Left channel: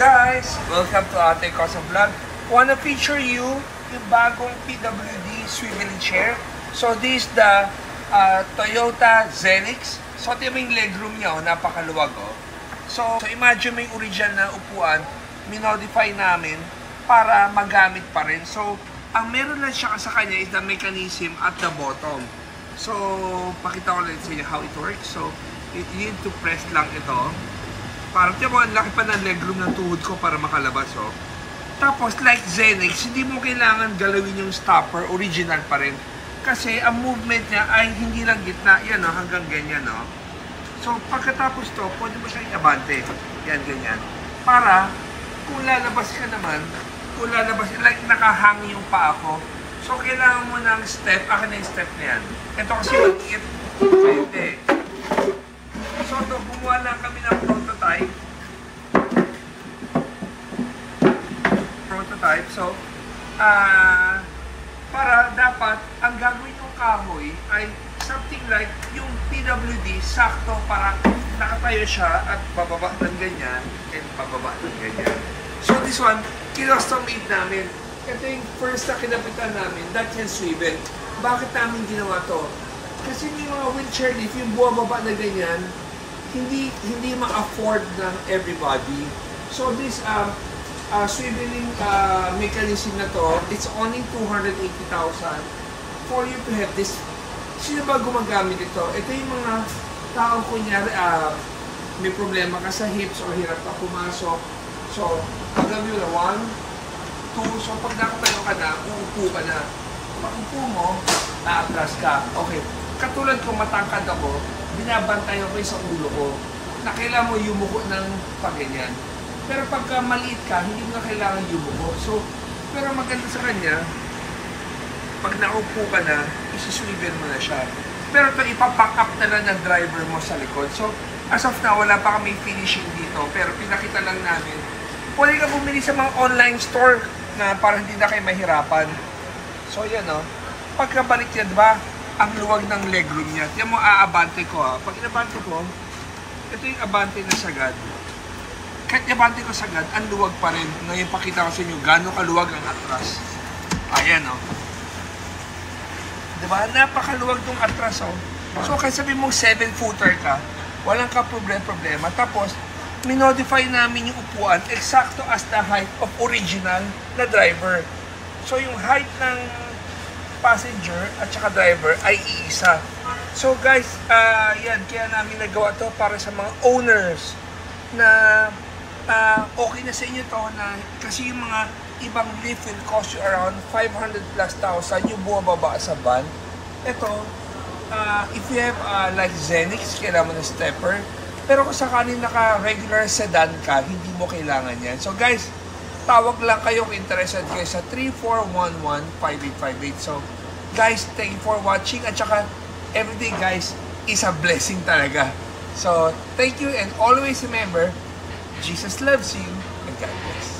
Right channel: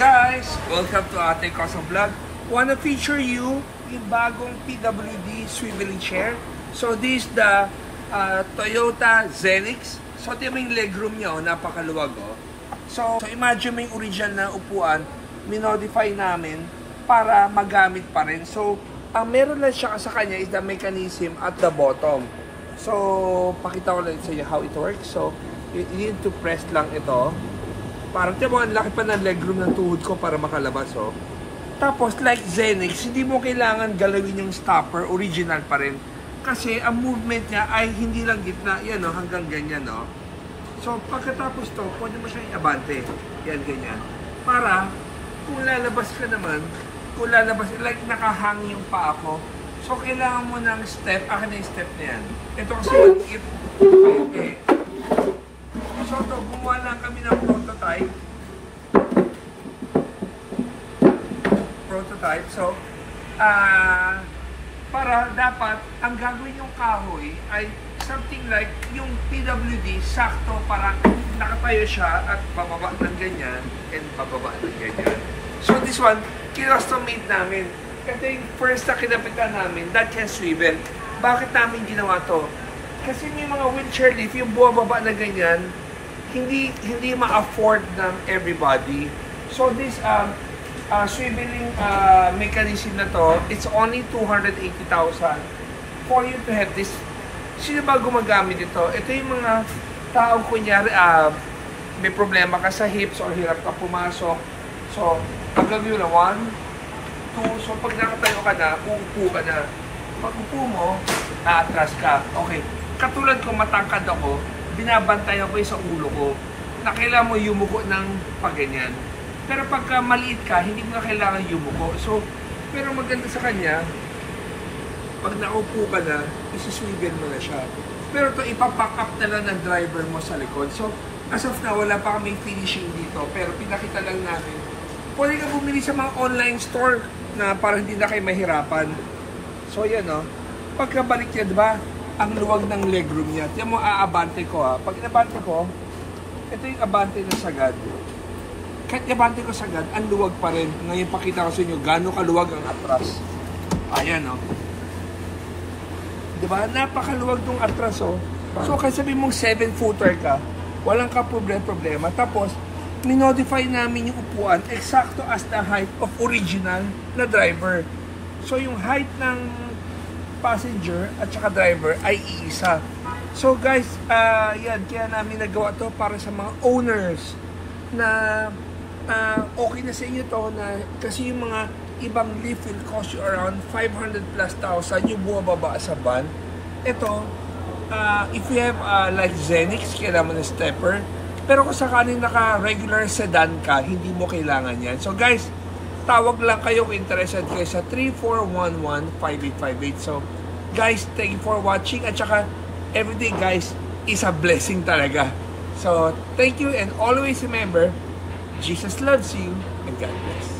guys! Welcome to Ate Cosa Vlog. Wanna feature you yung bagong PWD swiveling chair. So this is the Toyota Zenix. So ito yung legroom niya, napakaluwag. So imagine mo yung original na upuan, minodify namin para magamit pa rin. So ang meron lang siya sa kanya is the mechanism at the bottom. So pakita ko lang sa inyo how it works. So you need to press lang ito. Parang tiyan mo, ang laki pa ng legroom ng tuhod ko para makalabas, oh. Tapos, like Zenix, hindi mo kailangan galawin yung stopper, original pa rin. Kasi, ang movement niya ay hindi lang gitna, yan, oh, hanggang ganyan, oh. So, pagkatapos to, pwede mo siya i-abante. Yan, ganyan. Para, kung lalabas ka naman, kung lalabas, like nakahang yung paa ko. So, kailangan mo ng step, akin na yung step na yan. Ito kasi maliit, hindi. So, gumawa lang kami ng prototype. So, para dapat, ang gagawin yung kahoy ay something like yung PWD, sakto, parang nakatayo siya at bababa ng ganyan and bababa ng ganyan. So, this one, kinustom-made namin. Ito yung first na kinapitan namin that can swivel. Bakit namin ginawa to? Kasi may mga wheelchair lift, yung buwababa na ganyan, hindi ma-afford ng everybody. So this swiveling mechanism na to, it's only 280,000 for you to have this. Sino ba gumagamit ito? Ito yung mga taong kunyari may problema ka sa hips or hirap ka pumasok. So, ang gagawin na 1, 2, so pag nakatayo ka na, uupo ka na. Pag upo mo, naatras ka. Okay. Katulad ko, matangkad ako, binabantayan ko sa ulo ko na kailangan mo yumuko ng pagganyan. Pero pagka maliit ka, hindi mo na kailangan yumuko. So, pero maganda sa kanya, pag naupo ka na, isuswivel mo na siya. Pero ito, ipapack up na lang ng driver mo sa likod. So, as of now, wala pa kami finishing dito. Pero pinakita lang namin, pwede ka bumili sa mga online store na para hindi na kayo mahirapan. So, yan o. Pagkabalik yan, diba? Ang luwag ng legroom niya. Tiyan mo, aabante ko ha. Pag inabante ko, ito yung abante na sagad. Kahit inabante ko sagad, ang luwag pa rin. Ngayon pakita ko sa inyo, gano'ng kaluwag ang atras. Ayan o. Diba? Napakaluwag itong atras o. So, kaya sabi mo 7-footer ka, walang ka problema. Tapos, minodify namin yung upuan eksakto as the height of original na driver. So, yung height ng passenger at saka driver ay iisa. So guys, yan, kaya namin nagawa to para sa mga owners na okay na sa inyo to na kasi yung mga ibang lift will cost you around 500 plus thousand yung bumababa sa van. Ito, if you have like Zenix, kailangan mo ng stepper. Pero kung sakaling naka-regular sedan ka, hindi mo kailangan yan. So guys, tawag lang kayo kung interested kayo sa 3411-5858. So, guys, thank you for watching. At saka, everyday guys, is a blessing talaga. So, thank you and always remember, Jesus loves you and God bless.